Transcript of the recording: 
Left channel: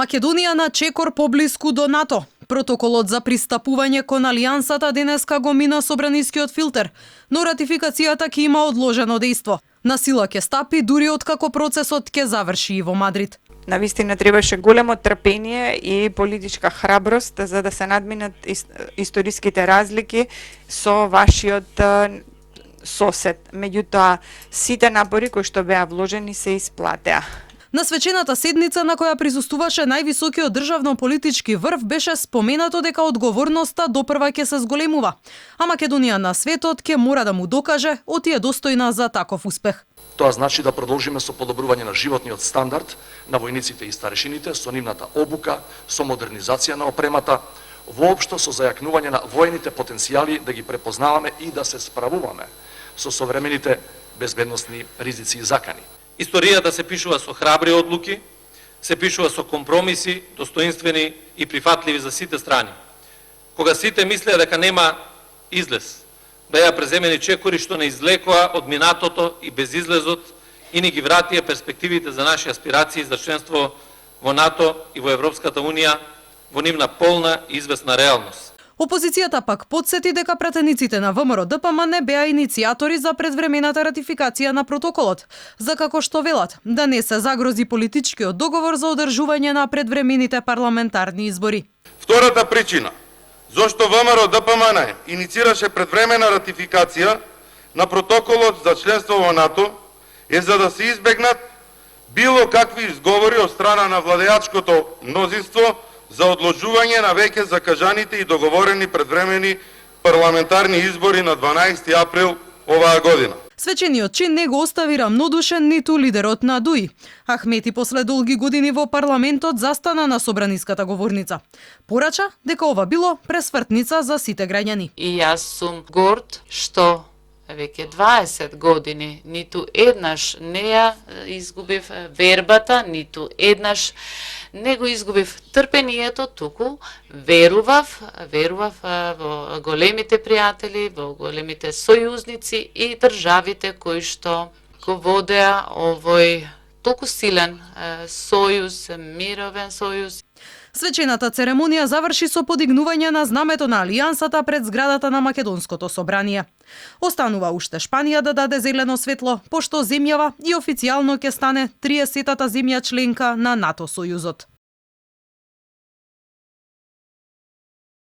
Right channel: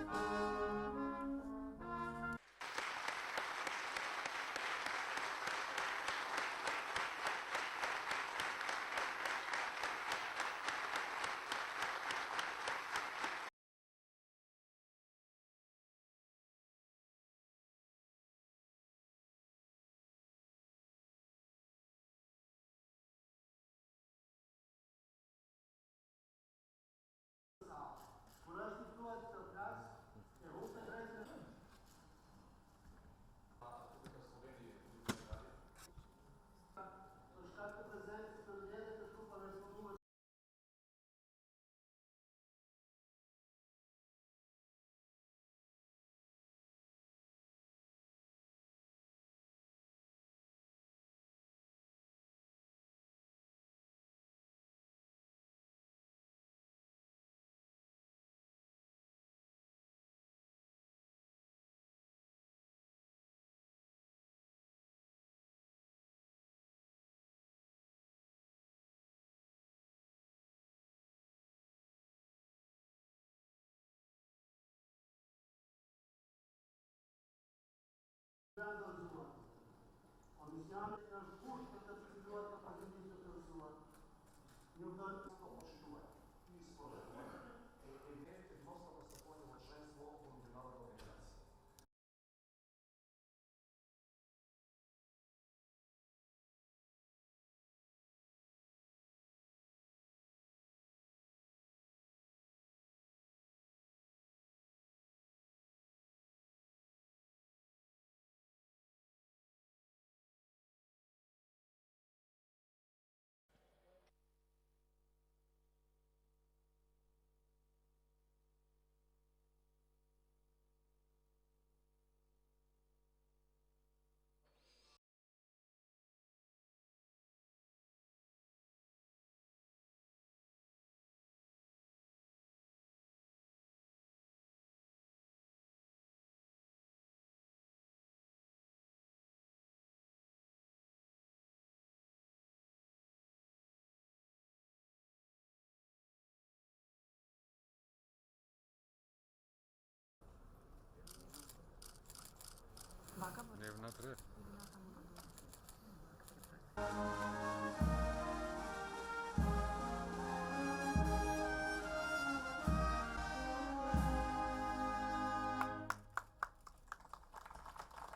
Македонија на чекор поблиску до НАТО. Протоколот за пристапување кон Алијансата денеска го мина собранискиот филтер, но ратификацијата ќе има одложено дејство. На сила ќе стапи дури откако процесот ќе заврши и во Мадрид. Навистина требаше големо трпение и политичка храброст за да се надминат историските разлики со вашиот сосед. Меѓутоа, сите напори кои што беа вложени се исплатеа. На свечената седница на која присуствуваше највисокиот државно-политички врв беше споменато дека одговорноста допрва ќе се зголемува, а Македонија на светот ќе мора да му докаже оти е достојна за таков успех. Тоа значи да продолжиме со подобрување на животниот стандард на војниците и старешините, со нивната обука, со модернизација на опремата, воопшто со зајакнување на војните потенцијали да ги препознаваме и да се справуваме со современите безбедносни ризици и закани. Историјата се пишува со храбри одлуки, се пишува со компромиси, достоинствени и прифатливи за сите страни. Кога сите мислеа дека нема излез, беа преземени чекори што не излекоа од минатото и безизлезот и ни ги вратија перспективите за наши аспирации за членство во НАТО и во Европската Унија во нивна полна и известна реалност. Опозицијата пак потсети дека пратениците на ВМРО-ДПМ не беа иницијатори за предвремената ратификација на протоколот, за како што велат, да не се загрози политичкиот договор за одржување на предвремените парламентарни избори. Втората причина зошто ВМРО-ДПМН инициираше предвремена ратификација на протоколот за членство во НАТО е за да се избегнат било какви изговори од страна на владеачкото мнозинство за одложување на веќе закажаните и договорени предвремени парламентарни избори на 12 април оваа година. Свечениот чин не го остави рамнодушен ниту лидерот на ДУИ. Ахмети после долги години во парламентот застана на собраниската говорница. Порача дека ова било пресвртница за сите граѓани. И јас сум горд што веќе 20 години ниту еднаш не ја изгубив вербата, ниту еднаш не го изгубив трпението, туку верував во големите пријатели, во големите сојузници и државите кои што го водеа овој толку силен сојуз, мировен сојуз. Свечената церемонија заврши со подигнување на знамето на Алијансата пред зградата на Македонското собрание. Останува уште Шпанија да даде зелено светло, пошто земјава и официјално ќе стане 30-та земја членка на НАТО сојузот.